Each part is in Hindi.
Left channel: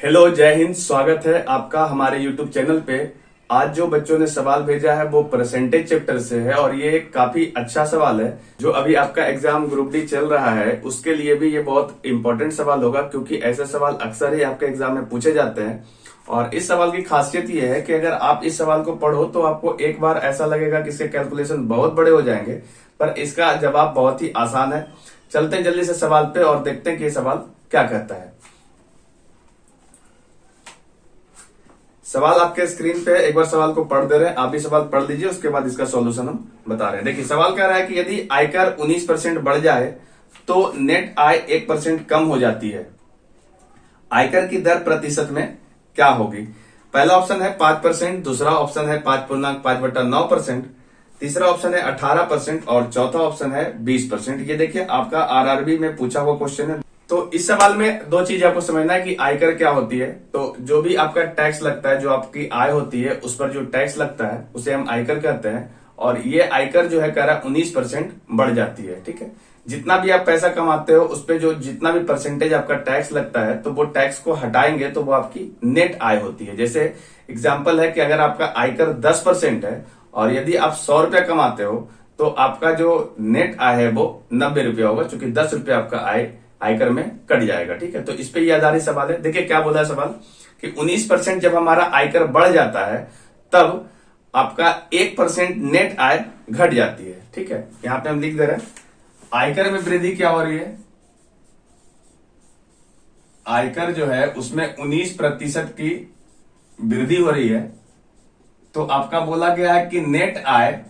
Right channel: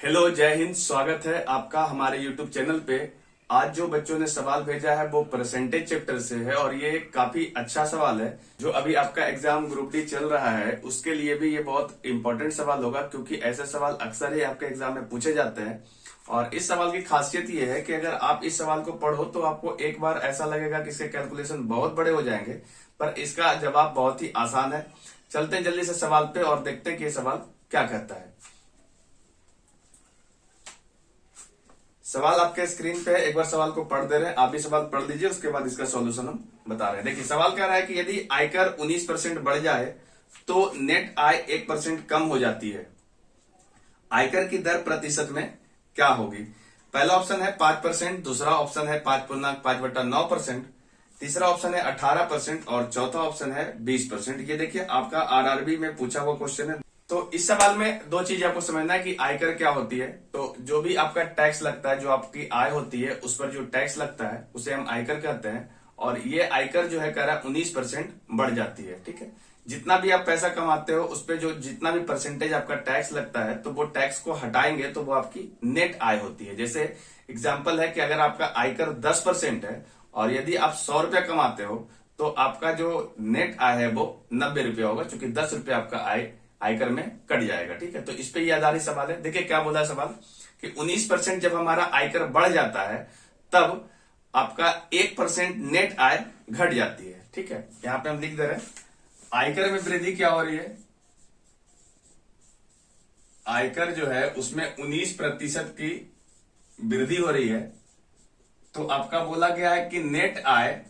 हेलो, जय हिंद। स्वागत है आपका हमारे YouTube चैनल पे। आज जो बच्चों ने सवाल भेजा है वो परसेंटेज चैप्टर से है और ये काफी अच्छा सवाल है। जो अभी आपका एग्जाम ग्रुप डी चल रहा है उसके लिए भी ये बहुत इंपॉर्टेंट सवाल होगा, क्योंकि ऐसे सवाल अक्सर ही आपके एग्जाम में पूछे जाते हैं। और इस सवाल की खासियत ये है कि अगर आप इस सवाल को पढ़ो तो आपको एक बार ऐसा लगेगा कि इसके कैलकुलेशन बहुत बड़े हो जाएंगे, पर इसका जवाब बहुत ही आसान है। चलते हैं जल्दी से सवाल पे और देखते हैं कि ये सवाल क्या कहता है। सवाल आपके स्क्रीन पे, एक बार सवाल को पढ़ दे रहे हैं, आप भी सवाल पढ़ लीजिए, उसके बाद इसका सॉल्यूशन हम बता रहे हैं। देखिए सवाल कह रहा है कि यदि आयकर 19% बढ़ जाए तो नेट आय 1% कम हो जाती है। आयकर की दर प्रतिशत में क्या होगी? पहला ऑप्शन है 5%, दूसरा ऑप्शन है 5.5/9%, तीसरा ऑप्शन है 18% और चौथा ऑप्शन है 20%। ये देखिए आपका आरआरबी में पूछा हुआ क्वेश्चन है। तो इस सवाल में दो चीज आपको समझना है कि आयकर क्या होती है। तो जो भी आपका टैक्स लगता है, जो आपकी आय होती है उस पर जो टैक्स लगता है उसे हम आयकर कहते हैं। और ये आयकर जो है कह रहा है 19% बढ़ जाती है। ठीक है, जितना भी आप पैसा कमाते हो उस पर जो जितना भी परसेंटेज आपका टैक्स लगता है तो वो टैक्स को हटाएंगे तो वो आपकी नेट आय होती है। जैसे एग्जाम्पल है कि अगर आपका आयकर 10% है और यदि आप 100 रुपया कमाते हो तो आपका जो नेट आय है वो 90 रुपया होगा, क्योंकि 10 रुपया आपका आय आयकर में कट जाएगा। ठीक है, तो इस पे ये आधारित सवाल है। देखिए क्या बोला है सवाल कि 19% जब हमारा आयकर बढ़ जाता है तब आपका 1% नेट आय घट जाती है। ठीक है, यहां पे हम लिख दे रहे हैं आयकर में वृद्धि क्या हो रही है। आयकर जो है उसमें 19% की वृद्धि हो रही है, तो आपका बोला गया है कि नेट आय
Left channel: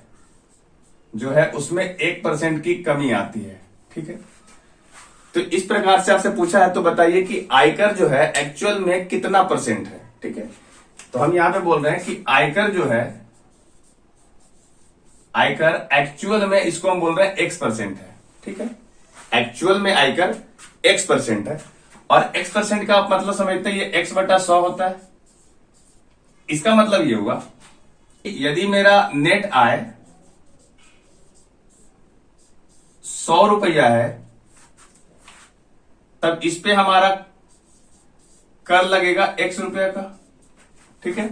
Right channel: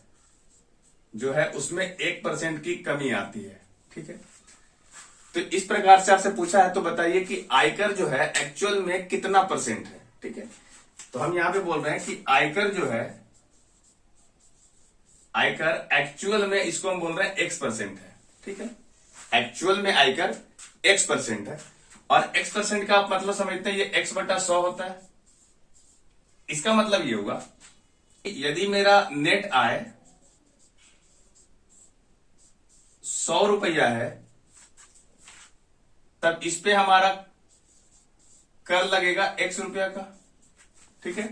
जो है उसमें 1% की कमी आती है। ठीक है, तो इस प्रकार से आपसे पूछा है तो बताइए कि आयकर जो है एक्चुअल में कितना परसेंट है। ठीक है, तो हम यहां पे बोल रहे हैं कि आयकर जो है, आयकर एक्चुअल में इसको हम बोल रहे हैं X% है। ठीक है, एक्चुअल में आयकर X% है और X% का आप मतलब समझते हैं ये X/100 होता है। इसका मतलब ये हुआ कि यदि मेरा नेट आय 100 रुपया है तब इस पे हमारा कर लगेगा X रुपया का। ठीक है,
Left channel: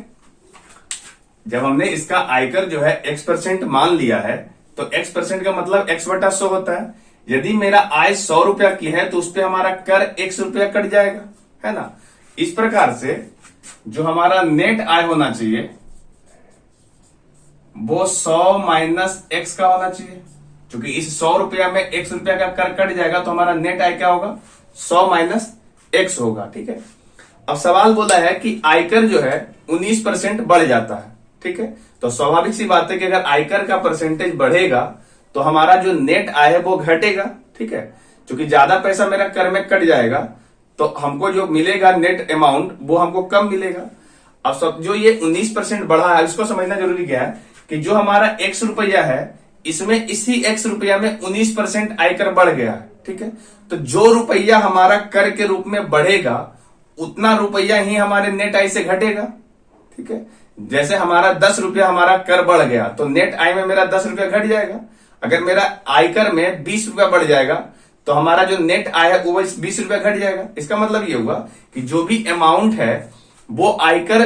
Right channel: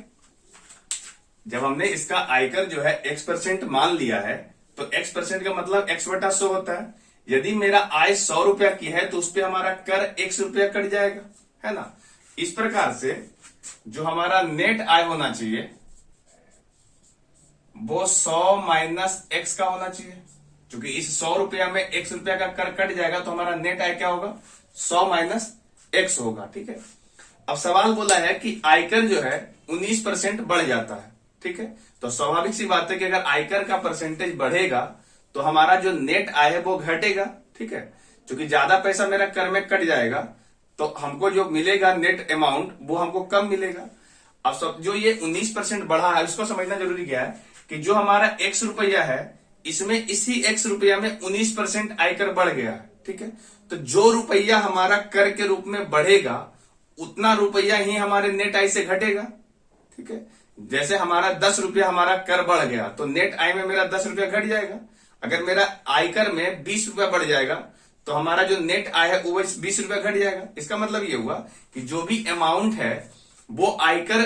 जब हमने इसका आयकर जो है X% मान लिया है तो X% का मतलब X/100 होता है। यदि मेरा आय 100 रुपया की है तो उस पे हमारा कर X रुपया कट जाएगा, है ना। इस प्रकार से जो हमारा नेट आय होना चाहिए वो 100 माइनस X का होना चाहिए, क्योंकि इस 100 रुपया में X रुपया का कर कट जाएगा तो हमारा नेट आय क्या होगा, 100 माइनस X होगा। ठीक है, अब सवाल बोला है कि आयकर जो है 19% बढ़ जाता है। ठीक है, तो स्वाभाविक सी बात है कि अगर आयकर का परसेंटेज बढ़ेगा तो हमारा जो नेट आय है वो घटेगा। ठीक है, क्योंकि ज्यादा पैसा मेरा कर में कट जाएगा तो हमको जो मिलेगा नेट अमाउंट वो हमको कम मिलेगा। अब सब जो ये 19% बढ़ा है इसको समझना जरूरी क्या है कि जो हमारा X रुपया है इसमें इसी X रुपया में 19% आयकर बढ़ गया है। ठीक है, तो जो रुपया हमारा कर के रूप में बढ़ेगा उतना रुपया ही हमारे नेट आय से घटेगा। ठीक है, जैसे हमारा 10 रुपया हमारा कर बढ़ गया तो नेट आय में मेरा 10 रुपया घट जाएगा। अगर मेरा आयकर में 20 रुपया बढ़ जाएगा तो हमारा जो नेट आय है वो 20 रुपया घट जाएगा। इसका मतलब ये हुआ कि जो भी अमाउंट है वो आयकर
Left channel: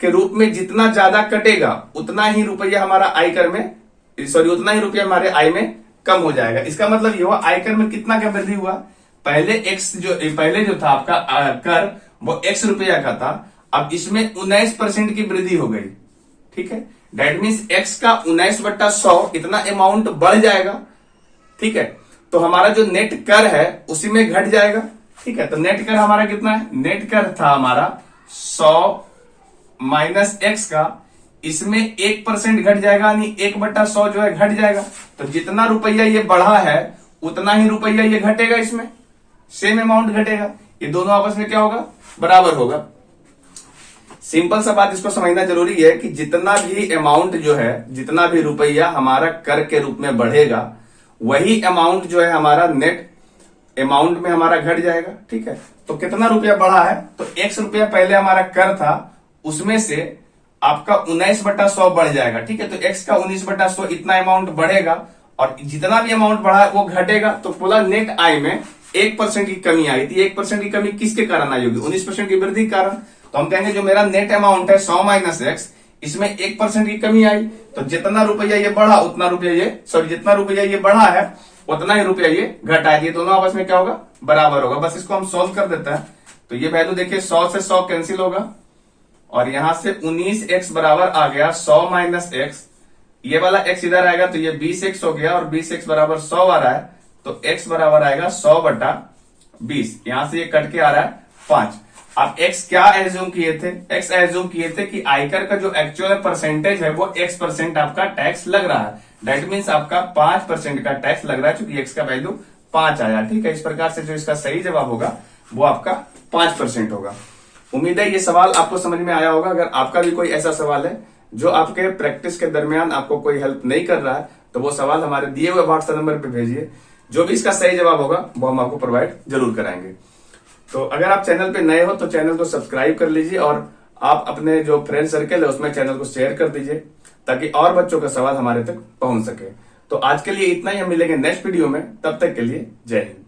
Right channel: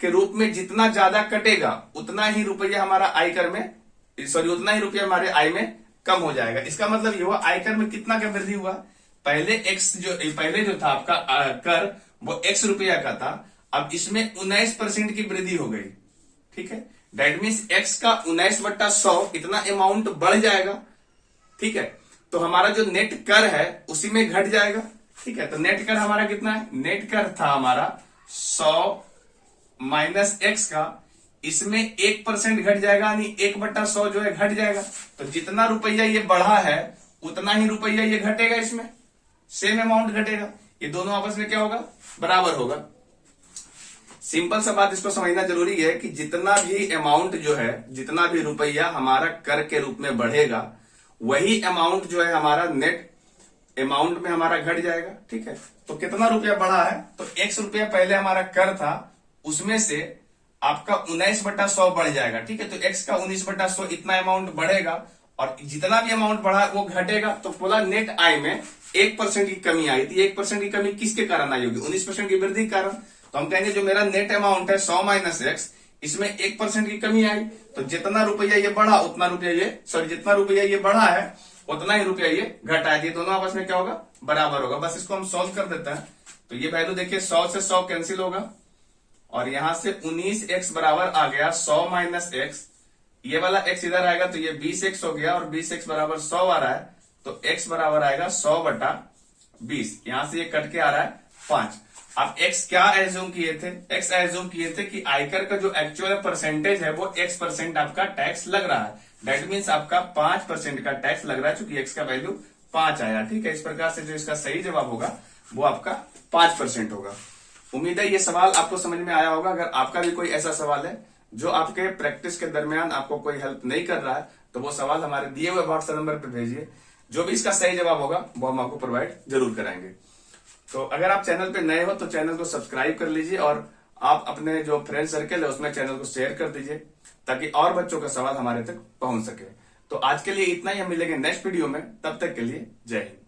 के रूप में जितना ज्यादा कटेगा उतना ही रुपया हमारा आयकर में, उतना ही रुपया हमारे आय में कम हो जाएगा। इसका मतलब ये हुआ आयकर में कितना का वृद्धि हुआ। पहले जो था आपका कर वो X रुपया का था, अब इसमें 19% की वृद्धि हो गई। ठीक है, डेट मीन्स X का 19/100 इतना अमाउंट बढ़ जाएगा। ठीक है, तो हमारा जो नेट कर है उसी में घट जाएगा। ठीक है, तो नेट कर हमारा कितना है, नेट कर था हमारा 100 माइनस X का, इसमें 1% घट जाएगा, यानी 1/100 जो है घट जाएगा। तो जितना रुपया ये बढ़ा है उतना ही रुपया ये घटेगा, इसमें सेम अमाउंट घटेगा। ये दोनों आपस में क्या होगा, बराबर होगा। सिंपल सा बात इसको समझना जरूरी है कि जितना भी अमाउंट जो है, जितना भी रुपया हमारा कर के रूप में बढ़ेगा वही अमाउंट जो है हमारा नेट अमाउंट में हमारा घट जाएगा। ठीक है, तो कितना रुपया बढ़ा है तो X रुपया पहले हमारा कर था उसमें से आपका 19/100 बढ़ जाएगा। ठीक है, तो X का 19/100 इतना अमाउंट बढ़ेगा और जितना भी अमाउंट बढ़ा है वो घटेगा, तो पूरा नेट आय में 1% की कमी आई थी। 1% की कमी किसके कारण आई होगी? 19% की वृद्धि के कारण। तो हम कहेंगे जो मेरा नेट अमाउंट है 100 माइनस एक्स, इसमें 1% की कमी आई, तो जितना रुपया ये बढ़ा उतना रुपया ये, सॉरी जितना रुपया ये बढ़ा है उतना ही रुपया ये घटा है। ये दोनों आपस में क्या होगा? बराबर होगा। बस इसको हम सॉल्व कर देते हैं। तो ये वैल्यू देखिए 100 से 100 कैंसिल होगा और यहां से 19x बराबर आ गया 100 माइनस एक्स। ये वाला x इधर आएगा तो ये 20x हो गया और 20x बराबर 100 आ रहा है, तो x बराबर आएगा 100 बटा 20। यहां से ये कट के आ रहा है 5। आप x क्या एज्यूम किए थे? x एज्यूम किए थे कि आयकर का जो एक्चुअल परसेंटेज है वो x% आपका टैक्स लग रहा है। दैट मीन्स आपका 5% का टैक्स लग रहा है, क्योंकि x का वैल्यू 5 आया। ठीक है, इस प्रकार से जो इसका सही जवाब होगा वो आपका 5% होगा। उम्मीद है ये सवाल आपको समझ में आया होगा। अगर आपका भी कोई ऐसा सवाल है जो आपके प्रैक्टिस के दरमियान आपको कोई हेल्प नहीं कर रहा है, तो वो सवाल हमारे दिए हुए व्हाट्सएप नंबर पे भेजिए। जो भी इसका सही जवाब होगा वो हम आपको प्रोवाइड जरूर कराएंगे। तो अगर आप चैनल पे नए हो तो चैनल को सब्सक्राइब कर लीजिए और आप अपने जो फ्रेंड सर्कल है उसमें चैनल को शेयर कर दीजिए, ताकि और बच्चों का सवाल हमारे तक पहुंच सके। तो आज के लिए इतना ही, हम मिलेंगे नेक्स्ट वीडियो में। तब तक के लिए जय हिंद।